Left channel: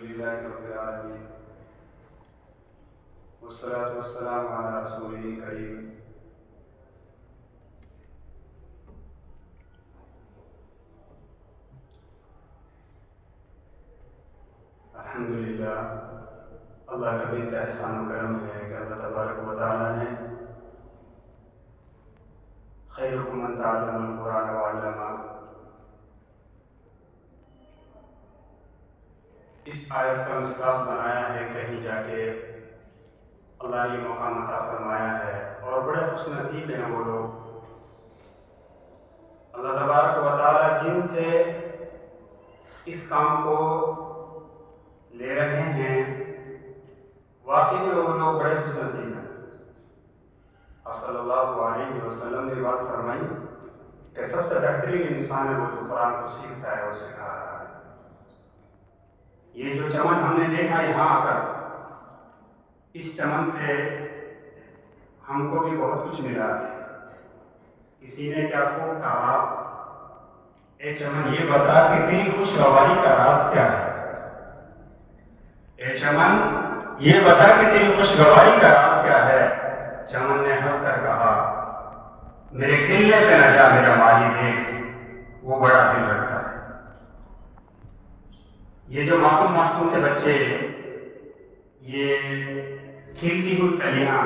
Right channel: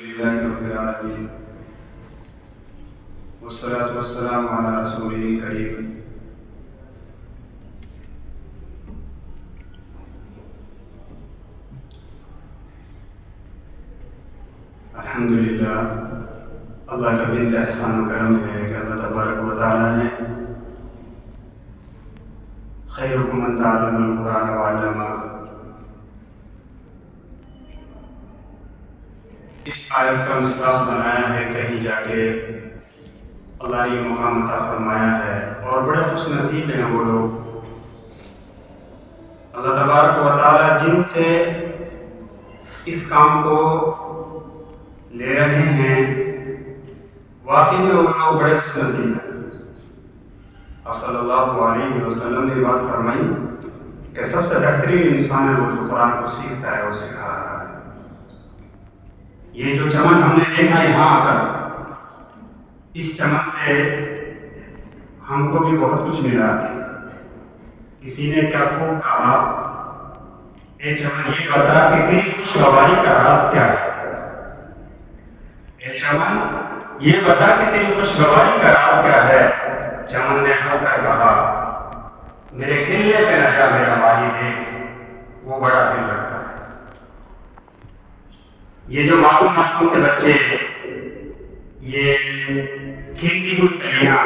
لله رب العالمين والصلاة والسلام على رسوله الكريم الحمدللہ اللہ کا بنت احسان و کرم ہے کہ اللہ تبارک و تعالیٰ نے خیرکم من تعلم القرآن وعلمہ اس آیت کا مصداق بنایا ہے. کہیں جا کے اللہ نے یہ مقام عطا فرمایا ہے اور بڑے خوش نصیب ہیں وہ لوگ اللہ تبارک و تعالیٰ جن سے اس کام کو لے رہے ہیں. واقعی میں وہ لوگ بڑے خوش نصیب ہیں. آپ صلی اللہ علیہ وسلم نے بات فرمائی کہ سب سے بہترین انسان ہے وہ جو قرآن کو سیکھتا ہے اور سکھا رہا ہے. یہ جو چمن ہم نے دیکھا یہاں آ کر، اس چمن سے ہم کو بھی بہت کچھ ملا. کسی نے کیا خوب کہا، اے چمن یہ بتا کہ تیری خوشگواری کا راز کیا ہے. اے چمن یہ بتا کہ تیری خوشگواری کا راز کیا ہے. چمن نے ہنس کر کہا، میرے کھلنے پہ نہ جا میرا مالی دیکھ، وہ بڑا دل لگتا ہے. یہ جو معصوم سے بچے، یہ کھلتی ہوئی کلیاں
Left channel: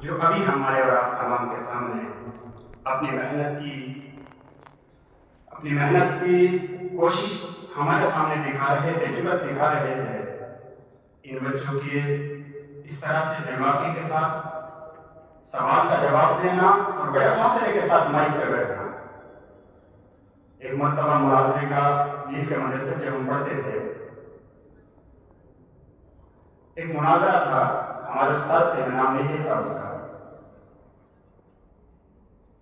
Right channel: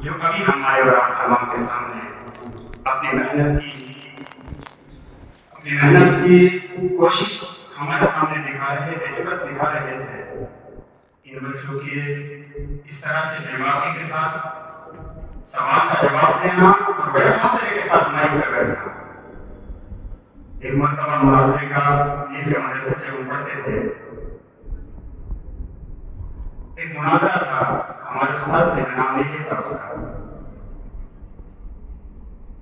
جو ابھی ہمارے اور آپ تمام کے سامنے اپنی محنت کی کوشش ہمارے سامنے دکھا رہے تھے، جرأت دکھا رہے تھے. ان بچوں کی اس طرح سے بے باکی کے ساتھ سوال کا جواب دینا اور بڑے حوصلے کے ساتھ مائک پہ بیٹھنا. ایک مرتبہ مناظرے کا نیل کے مدرسے جب ہم پڑھتے تھے، ایک مناظرہ تھا. ہمارے استاد تھے، میں نام نہیں لیتا اس کا.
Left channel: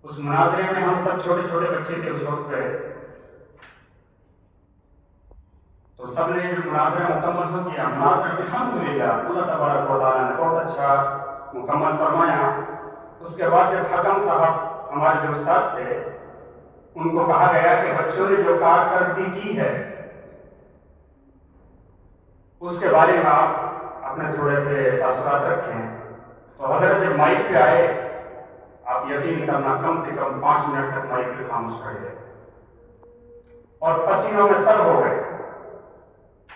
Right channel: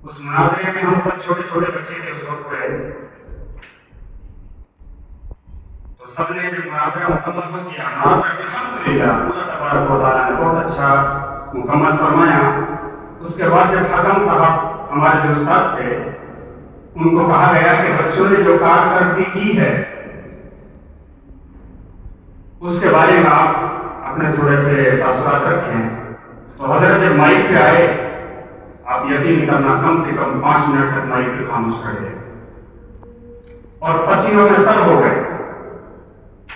اس مناظرے میں ہم سب چھوٹے چھوٹے بچے تھے اس وقت پہ. تو سب نے جو مناظرہ مکمل ہو گیا، مناظرہ الحمدللہ اللہ تبارک و تعالیٰ نے بہت اچھا مکمل فرمایا. اس کے بعد جب حکم صاحب ہمارے جو استاد تھے، ان کو کہا گیا کہ بچوں نے جو کارکردگی کی ہے اس کے بارے میں آپ اپنے تھوڑے سے تاثرات رکھیں. تو حضرت جب مائک پہ آئے، آپ یقین کرنا کم سے کم 5 منٹ تک مائک پہ خاموش رہے اور پسینوں میں تر ہو گئے.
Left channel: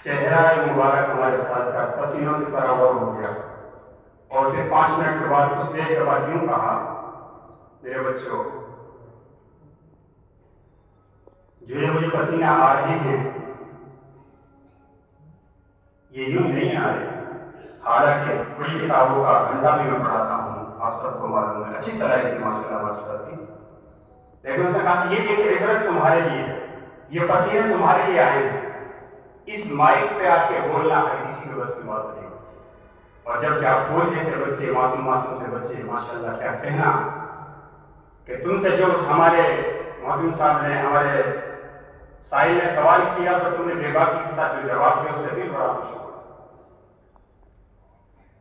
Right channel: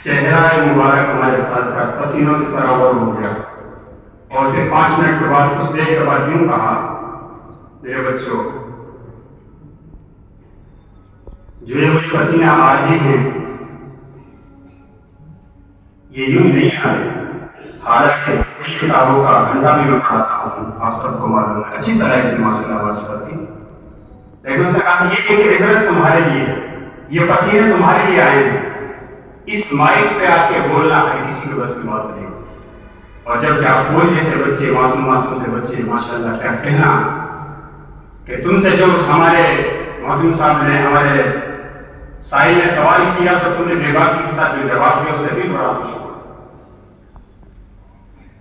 چہرہ مبارک ہمارے ساتھ کا پسینوں سے سرابر ہو گیا. اور پھر 5 منٹ کے بعد کچھ دیر کے بعد یوں کہا، میرے بچوں جو یہ مجھے پسینہ آ رہے ہیں یہ یوں نہیں آ رہے. حالانکہ کچھ کتابوں کا گھنٹہ بھی میں پڑھاتا ہوں، آپ سب کو معلوم ہے، اچھی صلاحیت کی ماشاء اللہ ماشاء کی. لیکن اس نے کہا کہ یہ ایک عبرت تمہارے لیے ہے، یہ پسینے تمہارے لیے آئے ہیں. اس مائک پہ آ کے بولنا ہے کسی کے بس کی بات نہیں. اور جب کیا پھول جیسے بچے، معصوم سے بچے، ماشاءاللہ کیا کہنا کہ تم سے جو ہمارے محترم صاحب نے، ہمارے سائل نے سوال کیا تو تم نے بے باکی کے ساتھ جو جواب دیا اس سے بھی بڑا خوش ہوا.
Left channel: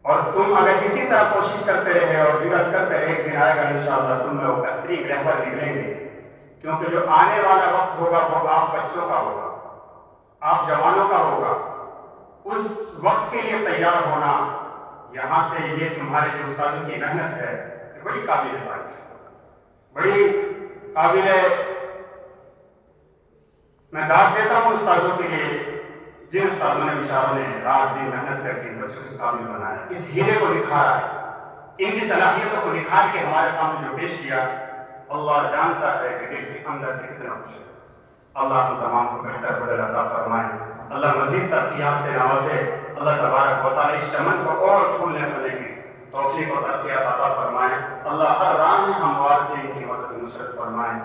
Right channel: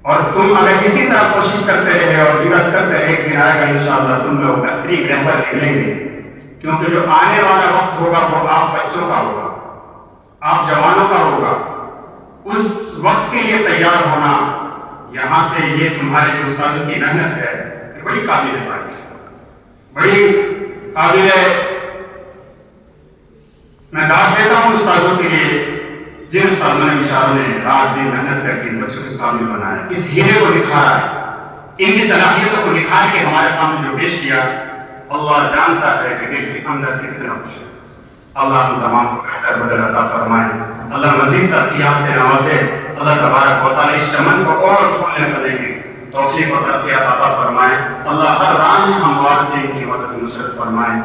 اور تم اگر اسی طرح کوشش کرتے رہے اور جرأت کرتے رہے، ایک دن آئے گا انشاءاللہ تم لوگ بہترین رہبر نکلیں گے. کیونکہ جو آنے والا وقت ہوگا وہ آپ بچوں کا ہوگا، آپ جوانوں کا ہوگا. اس وقت کے لیے تیار ہونا، یہاں سے یہ تمہارے جو استادوں کی محنت ہے یہ بڑی قابل تعریف، بڑی قابل. میں داد دیتا ہوں استادوں کے لیے جن استادوں نے بیچاروں نے رات دن محنت کر کے بچوں کو اس قابل بنایا، اس ہیرے کو نکھارا ہے، ان کی صلاحیتوں کو نکھار کے ہمارے سامنے جو پیش کیا. اللہ جانتا ہے کہ دل کے اندر سے کتنا خوش ہے. اللہ ہم تمام کو بہتر بدل عطا فرمائے. اللہ مزید ترقیات سے نوازے. اللہ تبارک و تعالیٰ اس چمن کو اور پھولنے پھلنے کی توفیق و ترقیات عطا فرمائے. اللہ ہر رام ہموار سے ان کی مدد نصرت فرمائے.